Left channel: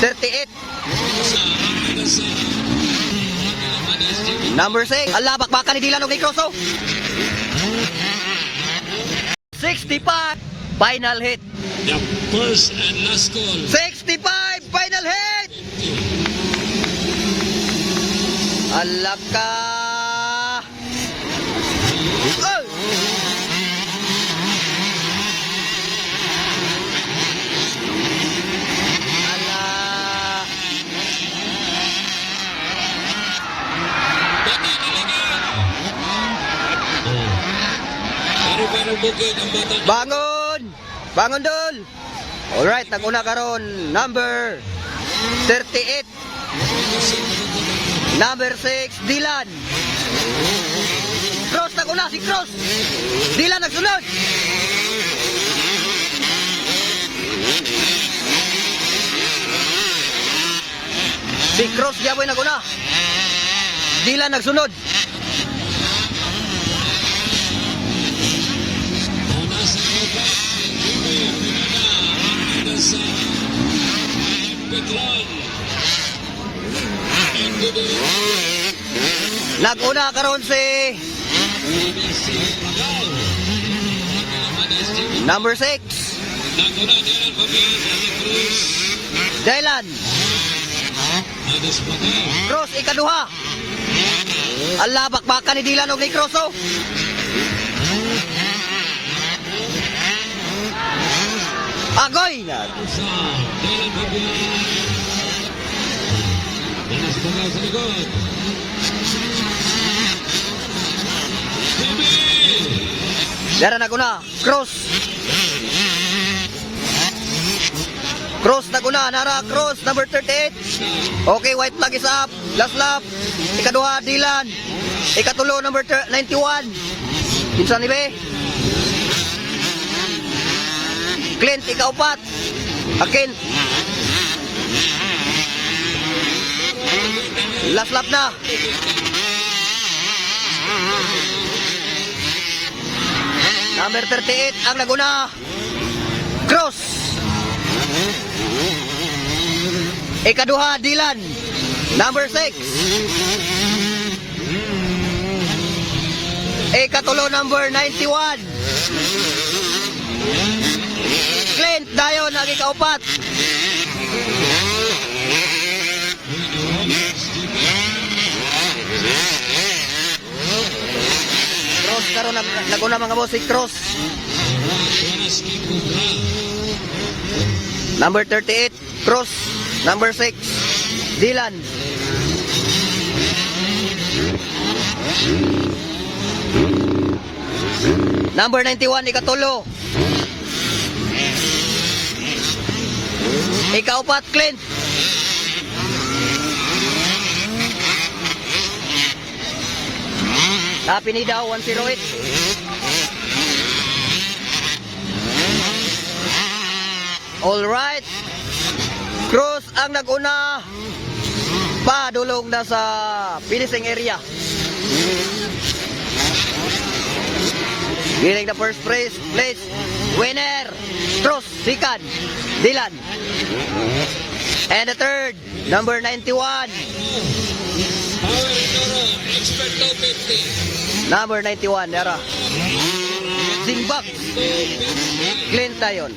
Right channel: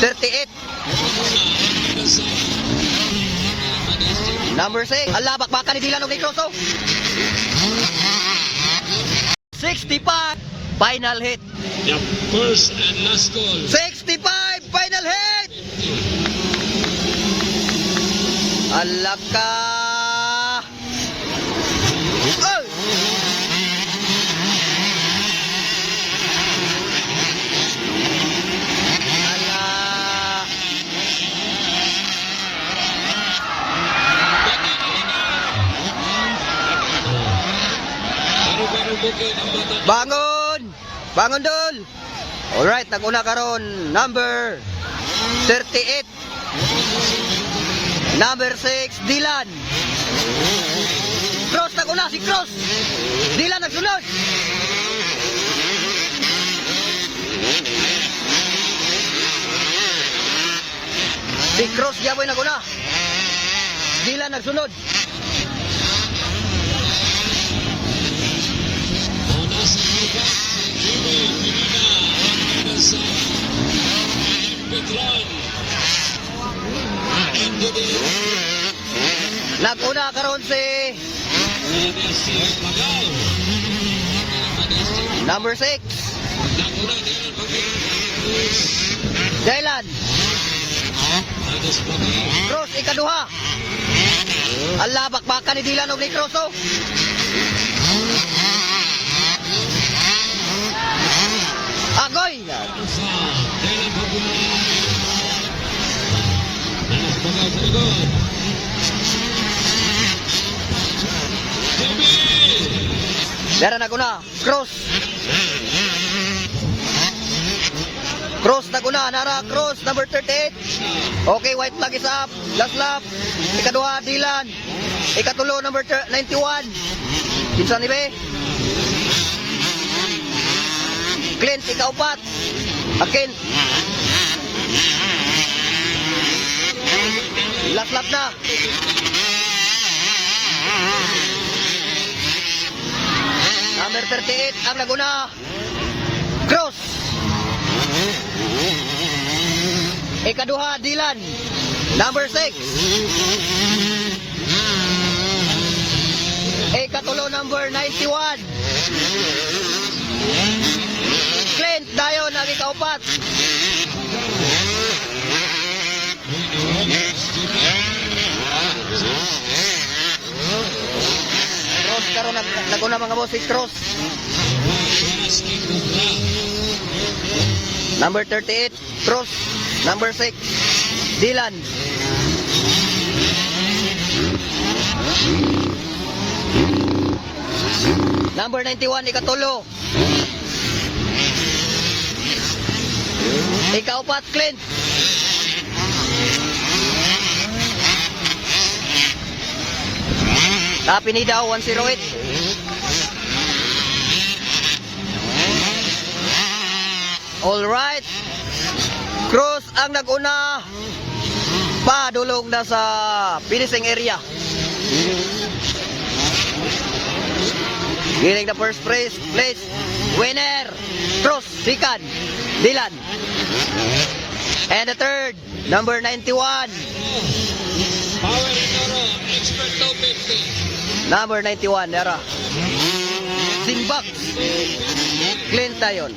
38. Number 6. Alabak baka ni Dylan o kay Crosso. 65. Final hit. The first and last call. 65. Final hit. Alaka. Oh! Ala. Paru-paru bukid ang bata. Bangon! Bangon dul! Alright, naguna karon number 38. Number 6, Dylan. Cross naguna si Cross. Dylan nagsunod. Si Cross gyapon naguna. Dylan nagsunod. Naguna karon si number 6, Naguna Dylan Pagaw. Cruz. Dylan. Minus Pagaw. Cross ikaduha. Alabak baka ni Dylan og ni Cross oh. Agoy! Pagaw sa likod. Dara na. Cross. Cross na kuna. Nara cross number 38. Okay, white flag is up. Last lap. Ikaduha Dylan. Ikatulo number thir- 91. Kinsa ni be? Clint ikaupat. Akin. Last lap na. Number 38 ang Laguna. Cross. Ikaduha, Dylan. Number 6. Ikatulo, number 91. Clint, dayon, ang ikaupat. Cross karon nag naguna mga boss Cross. Number 38, Cross. Number 6, Dylan. Number 91, Ikatulo. Ikaupat, Clint. Happy ni daw, 108. Alright. Cruz ang naguna. Padulong na sa finishing area. Giling na first place, place. Winner. Cruz, second. Dylan. And the third, number 91. Power Toro. Expert low 50. Number 91, Nera. Zimbak. Clint tayon.